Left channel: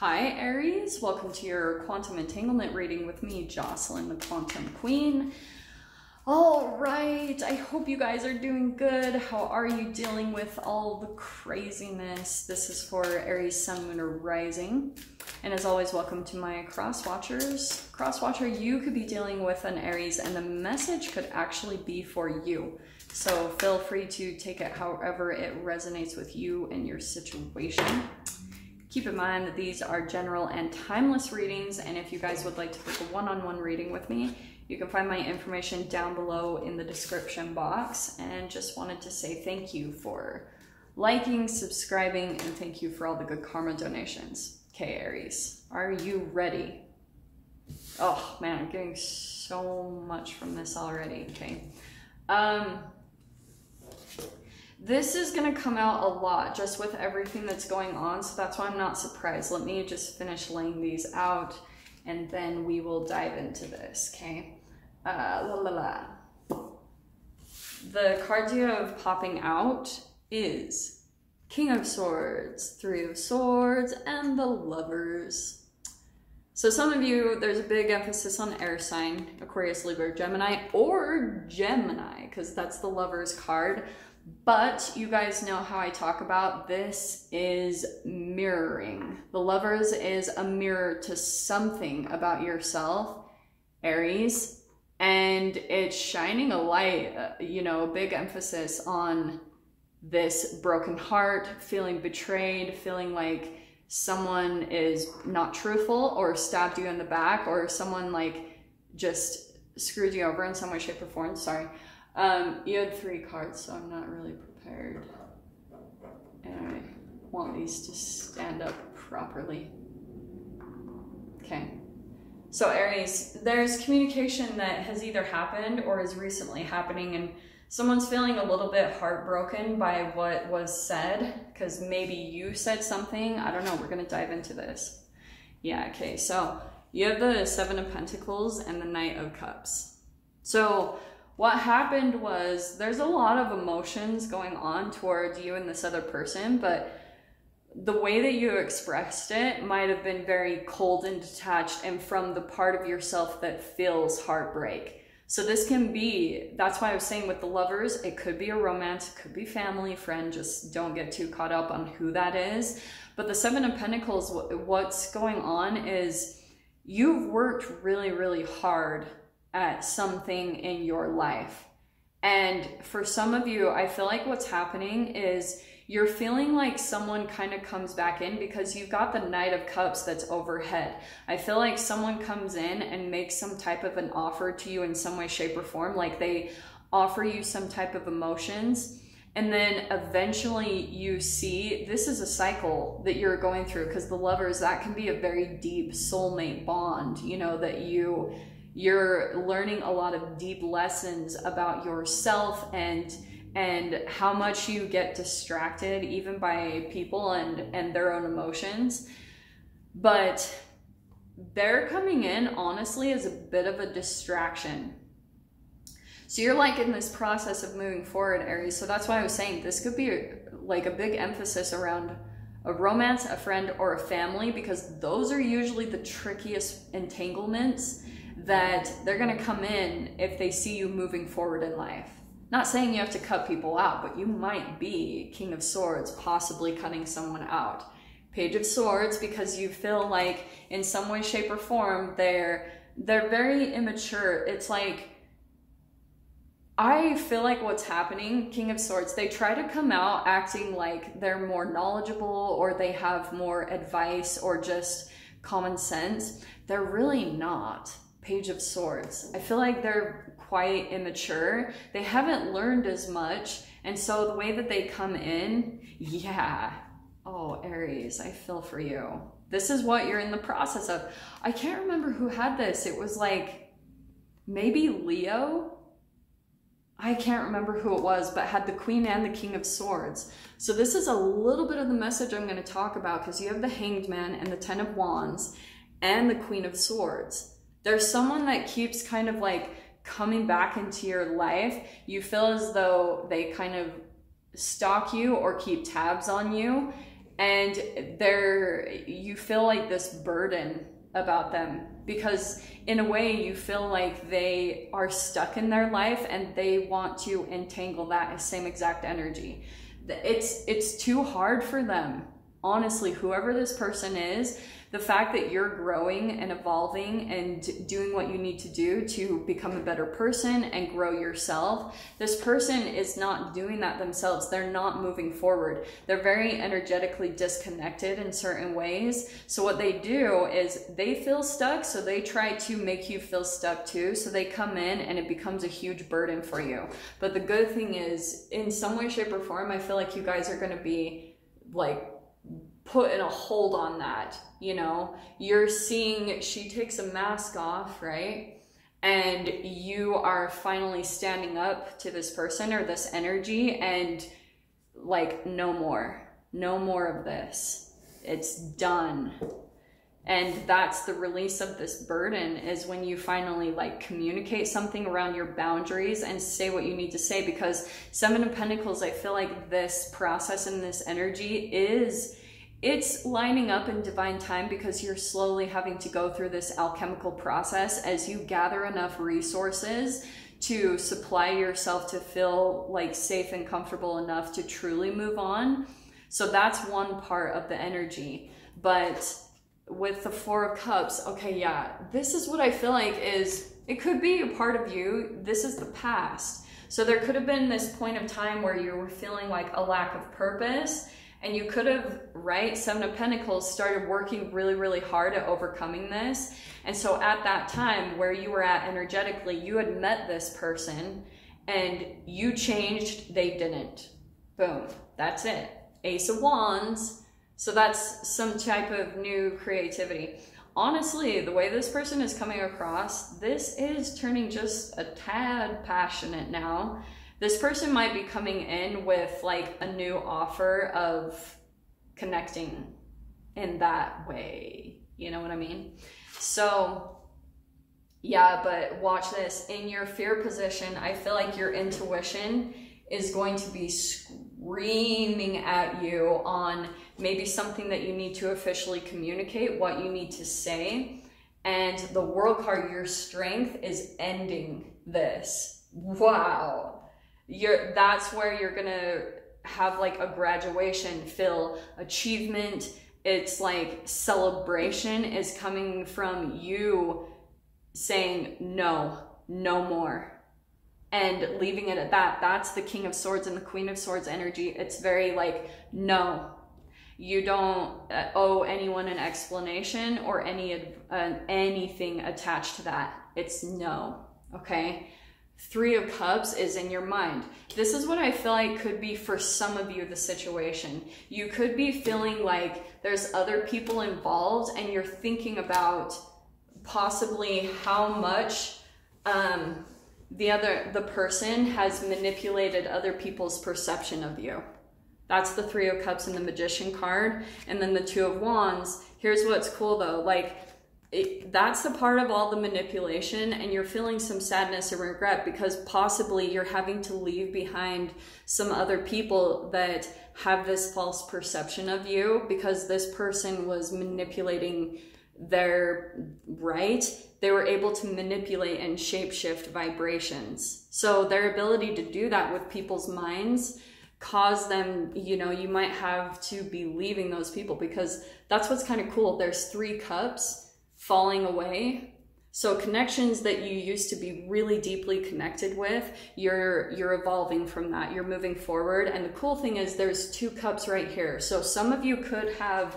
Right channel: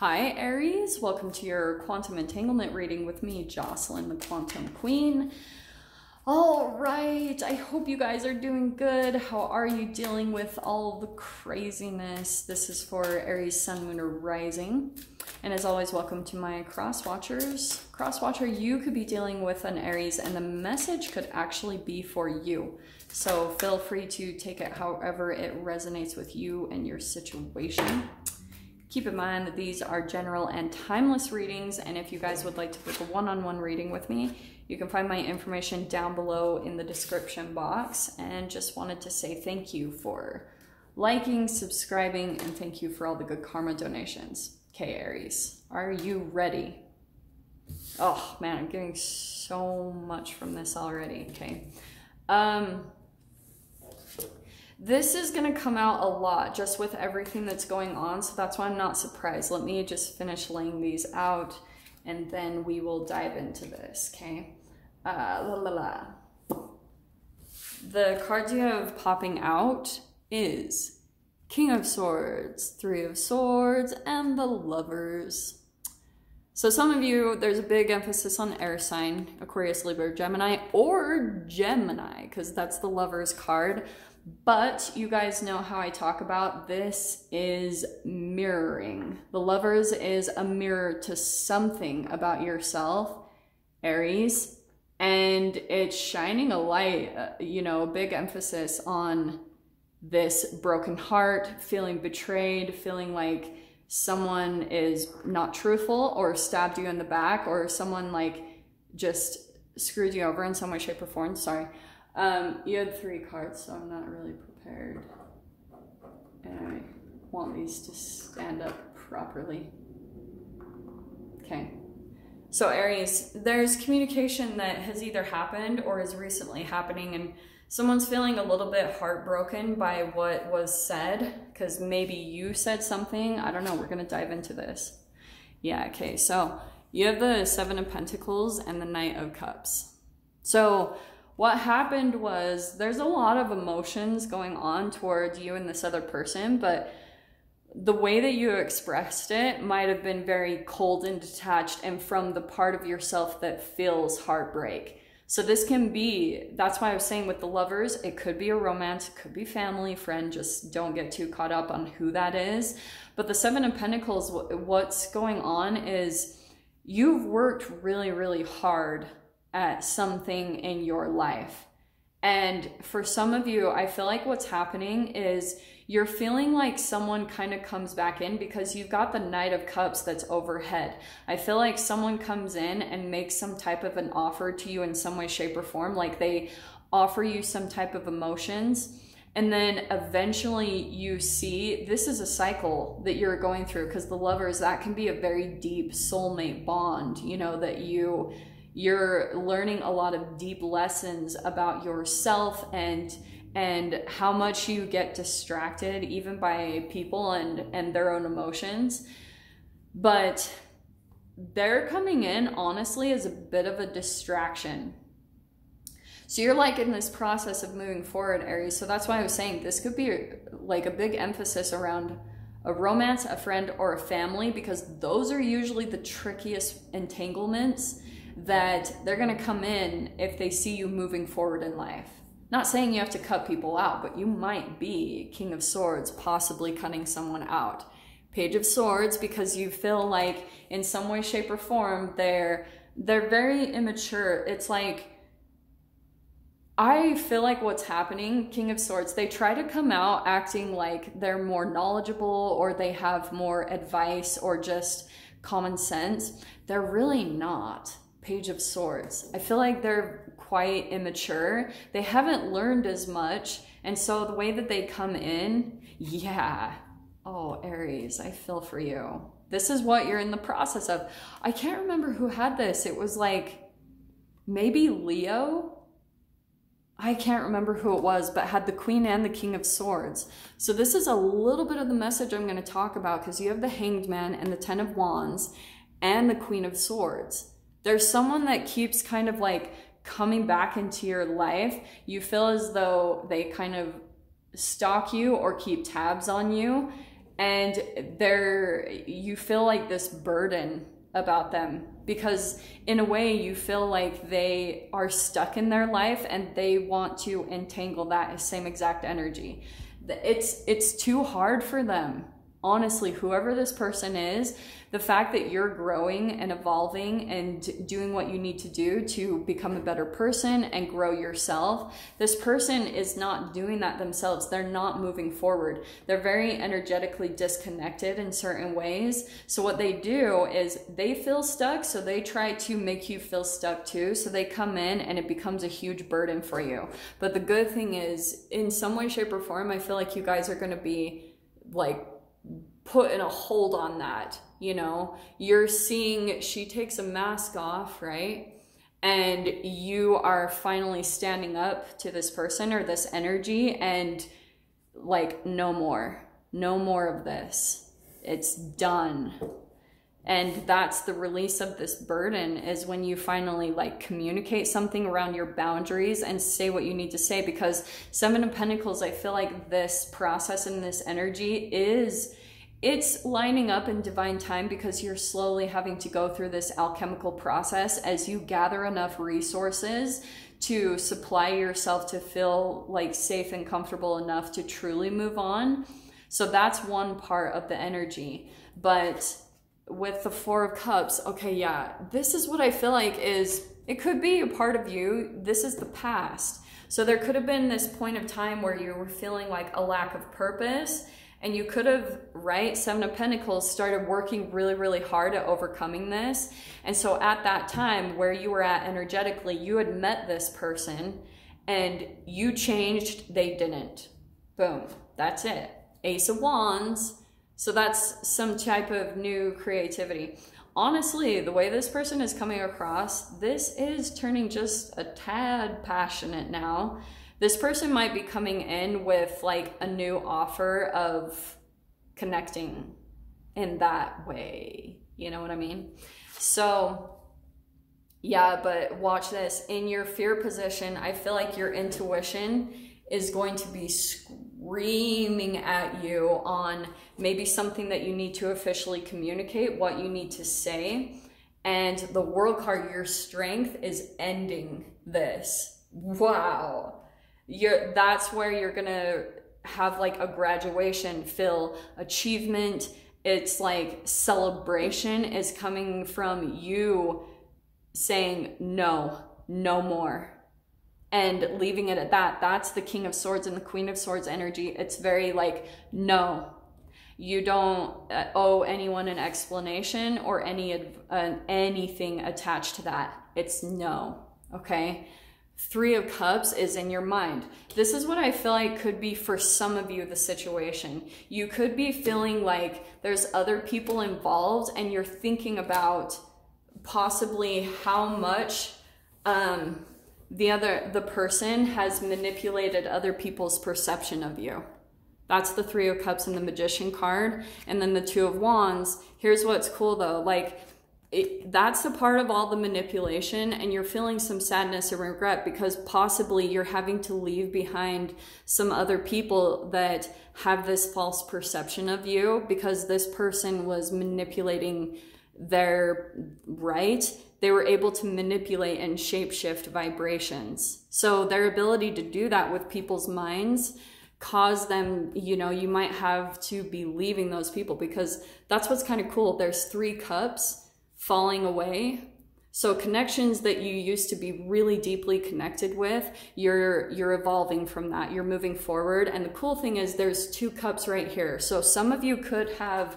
Hi Aries, welcome to your quantum entanglement reading with me, Jocelyn, the Quantum Queen. All right, I hope you guys are doing good. How are you dealing with all the craziness? This is for Aries, Sun, Moon, or Rising. And as always, welcome to my cross watchers. Cross watcher, you could be dealing with an Aries and the message could actually be for you. So feel free to take it however it resonates with you and your situation. Keep in mind that these are general and timeless readings, and if you guys would like to book a one-on-one reading with me, you can find my information down below in the description box. And just wanted to say thank you for liking, subscribing, and thank you for all the good karma donations. Okay, Aries, are you ready? Oh man, I'm getting so much from this already. Okay. This is going to come out a lot just with everything that's going on, so that's why I'm not surprised. Let me just finish laying these out, and then we will dive into this, okay? The cards you have popping out is King of Swords, Three of Swords, and the Lovers. So some of you, there's a big emphasis on air sign, Aquarius, Libra, Gemini, or Gemini, because that's the Lovers card. But you guys know how I talk about this is mirroring. The Lovers is a mirror to something about yourself, Aries, and it's shining a light, you know, big emphasis on this broken heart, feeling betrayed, feeling like someone is not truthful or stabbed you in the back, or someone like just screwed you over in some way, shape, or form. Sorry. You had 3 cards, so I'm not really prepared. And I want these to stand up properly. Okay. So Aries, there's communication that has either happened or is recently happening, and someone's feeling a little bit heartbroken by what was said, because maybe you said something. I don't know. We're going to dive into this. Yeah, okay. So you have the 7 of Pentacles and the Knight of Cups. So what happened was there's a lot of emotions going on toward you and this other person, but the way that you expressed it might have been very cold and detached and from the part of yourself that feels heartbreak. So this can be, that's why I was saying with the Lovers, it could be a romance, it could be family, friend, just don't get too caught up on who that is. But the 7 of Pentacles, what's going on is you've worked really, really hard at something in your life. And for some of you, I feel like what's happening is you're feeling like someone kind of comes back in because you've got the Knight of Cups that's overhead. I feel like someone comes in and makes some type of an offer to you in some way, shape, or form. Like they offer you some type of emotions. And then eventually you see, this is a cycle that you're going through, because the Lovers, that can be a very deep soulmate bond, you know, that you're learning a lot of deep lessons about yourself and how much you get distracted even by people and their own emotions. But they're coming in honestly as a bit of a distraction. So you're like in this process of moving forward, Aries. So that's why I was saying this could be like a big emphasis around a romance, a friend, or a family, because those are usually the trickiest entanglements that they're going to come in if they see you moving forward in life. Not saying you have to cut people out, but you might be King of Swords, possibly cutting someone out. Page of Swords, because you feel like in some way, shape, or form, they're very immature. It's like, I feel like what's happening, King of Swords, they try to come out acting like they're more knowledgeable or they have more advice or just common sense. They're really not. Page of Swords. I feel like they're quite immature. They haven't learned as much. And so the way that they come in, yeah. Oh, Aries, I feel for you. This is what you're in the process of. I can't remember who had this. It was like maybe Leo. I can't remember who it was, but had the Queen and the King of Swords. So this is a little bit of the message I'm going to talk about, because you have the Hanged Man and the 10 of Wands and the Queen of Swords. There's someone that keeps kind of like coming back into your life. You feel as though they kind of stalk you or keep tabs on you. and you feel like this burden about them, because in a way you feel like they are stuck in their life and they want to entangle that same exact energy. It's too hard for them. Honestly, whoever this person is, the fact that you're growing and evolving and doing what you need to do to become a better person and grow yourself, this person is not doing that themselves. They're not moving forward. They're very energetically disconnected in certain ways. So what they do is they feel stuck, so they try to make you feel stuck too. So they come in and it becomes a huge burden for you. But the good thing is, in some way, shape, or form, I feel like you guys are going to be like put in a hold on that. You know, you're seeing she takes a mask off, right? And you are finally standing up to this person or this energy and like, no more of this. It's done. And that's the release of this burden, is when you finally like communicate something around your boundaries and say what you need to say. Because 7 of Pentacles, I feel like this process and this energy it's lining up in divine time, because you're slowly having to go through this alchemical process as you gather enough resources to supply yourself to feel like safe and comfortable enough to truly move on. So that's one part of the energy. But with the 4 of Cups, okay, yeah, this is what I feel like is, it could be a part of you. This is the past. So there could have been this point of time where you were feeling like a lack of purpose. And you could have, right, 7 of Pentacles, started working really, really hard at overcoming this. And so at that time where you were at energetically, you had met this person and you changed, they didn't. Boom, that's it. Ace of Wands. So that's some type of new creativity. Honestly, the way this person is coming across, this is turning just a tad passionate now. This person might be coming in with like a new offer of connecting in that way. You know what I mean? So yeah, but watch this. In your fear position, I feel like your intuition is going to be screaming at you on maybe something that you need to officially communicate, what you need to say. And the World card, your strength, is ending this. Wow. That's where you're gonna have like a graduation, feel achievement. It's like celebration is coming from you saying no more, and leaving it at that. That's the King of Swords and the Queen of Swords energy. It's very like, no, you don't owe anyone an explanation or anything attached to that. It's no, okay? 3 of Cups is in your mind. This is what I feel like could be for some of you the situation. You could be feeling like there's other people involved and you're thinking about possibly how much the person has manipulated other people's perception of you. That's the 3 of Cups and the Magician card. And then the 2 of Wands. Here's what's cool though, like, that's a part of all the manipulation, and you're feeling some sadness or regret because possibly you're having to leave behind some other people that have this false perception of you because this person was manipulating their they were able to manipulate and shapeshift vibrations. So their ability to do that with people's minds cause them, you know, you might have to be leaving those people, because that's what's kind of cool. There's 3 cups falling away. So connections that you used to be really deeply connected with, you're evolving from that. You're moving forward. And the cool thing is there's 2 cups right here. So some of you could have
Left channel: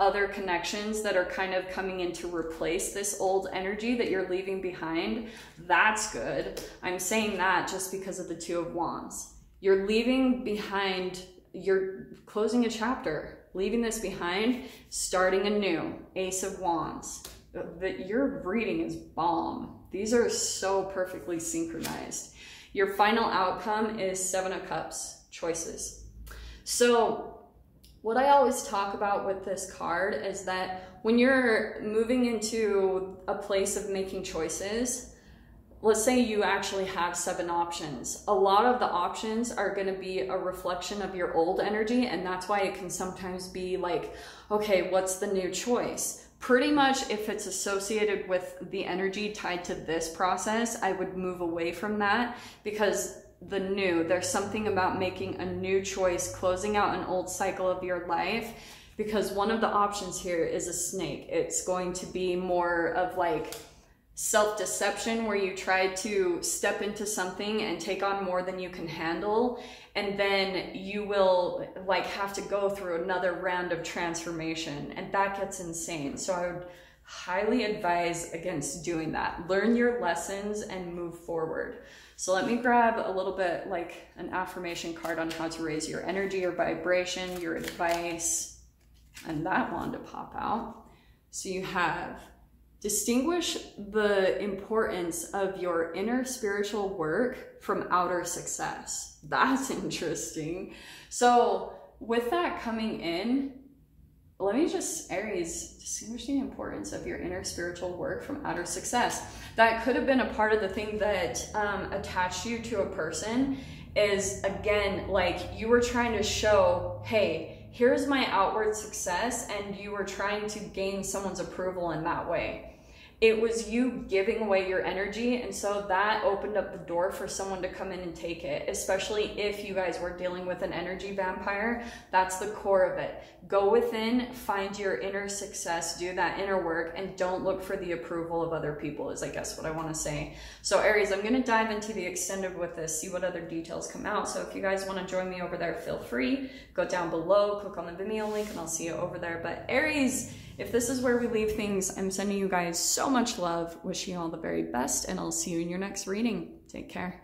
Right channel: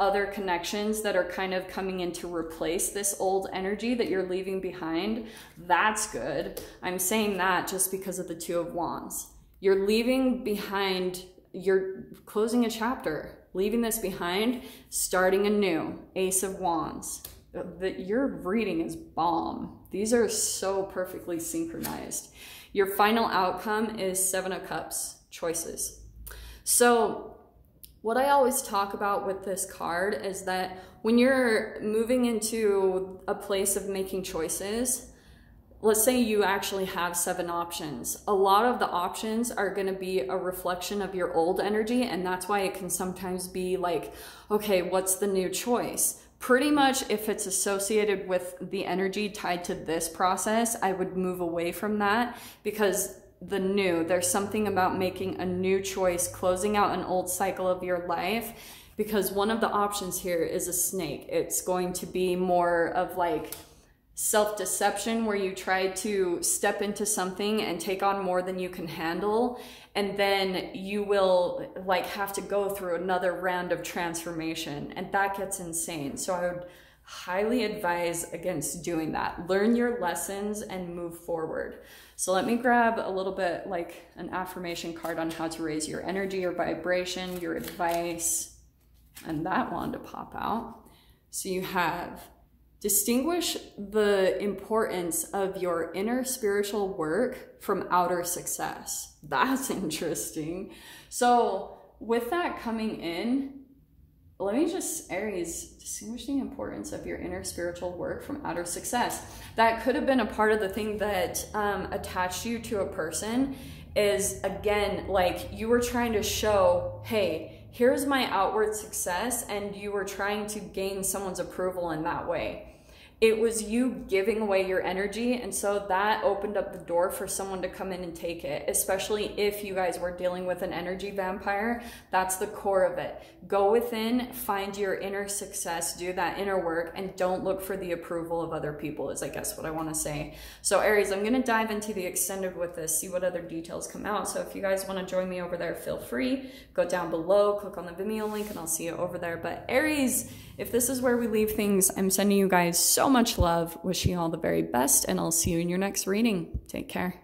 other connections that are kind of coming in to replace this old energy that you're leaving behind. That's good. I'm saying that just because of the 2 of Wands. You're leaving behind, you're closing a chapter, leaving this behind, starting anew. Ace of Wands. Your reading is bomb. These are so perfectly synchronized. Your final outcome is 7 of Cups, choices. So what I always talk about with this card is that when you're moving into a place of making choices, let's say you actually have 7 options. A lot of the options are going to be a reflection of your old energy, and that's why it can sometimes be like, okay, what's the new choice? Pretty much if it's associated with the energy tied to this process, I would move away from that, because there's something about making a new choice, closing out an old cycle of your life, because one of the options here is a snake. It's going to be more of like self-deception, where you try to step into something and take on more than you can handle, and then you will like have to go through another round of transformation, and that gets insane. So I would highly advise against doing that. Learn your lessons and move forward. So let me grab a little bit like an affirmation card on how to raise your energy, your vibration, your advice, and that one to pop out. So you have: distinguish the importance of your inner spiritual work from outer success. That's interesting. So with that coming in, let me just, Aries, distinguish the importance of your inner spiritual work from outer success. That could have been a part of the thing that attached you to a person, is again, like you were trying to show, hey, here's my outward success, and you were trying to gain someone's approval in that way. It was you giving away your energy, and so that opened up the door for someone to come in and take it, especially if you guys were dealing with an energy vampire. That's the core of it. Go within, find your inner success, do that inner work, and don't look for the approval of other people, is I guess what I want to say. So Aries, I'm going to dive into the extended with this, see what other details come out. So if you guys want to join me over there, feel free. Go down below, click on the Vimeo link, and I'll see you over there. But Aries, if this is where we leave things, I'm sending you guys so much love, wishing you all the very best, and I'll see you in your next reading. Take care.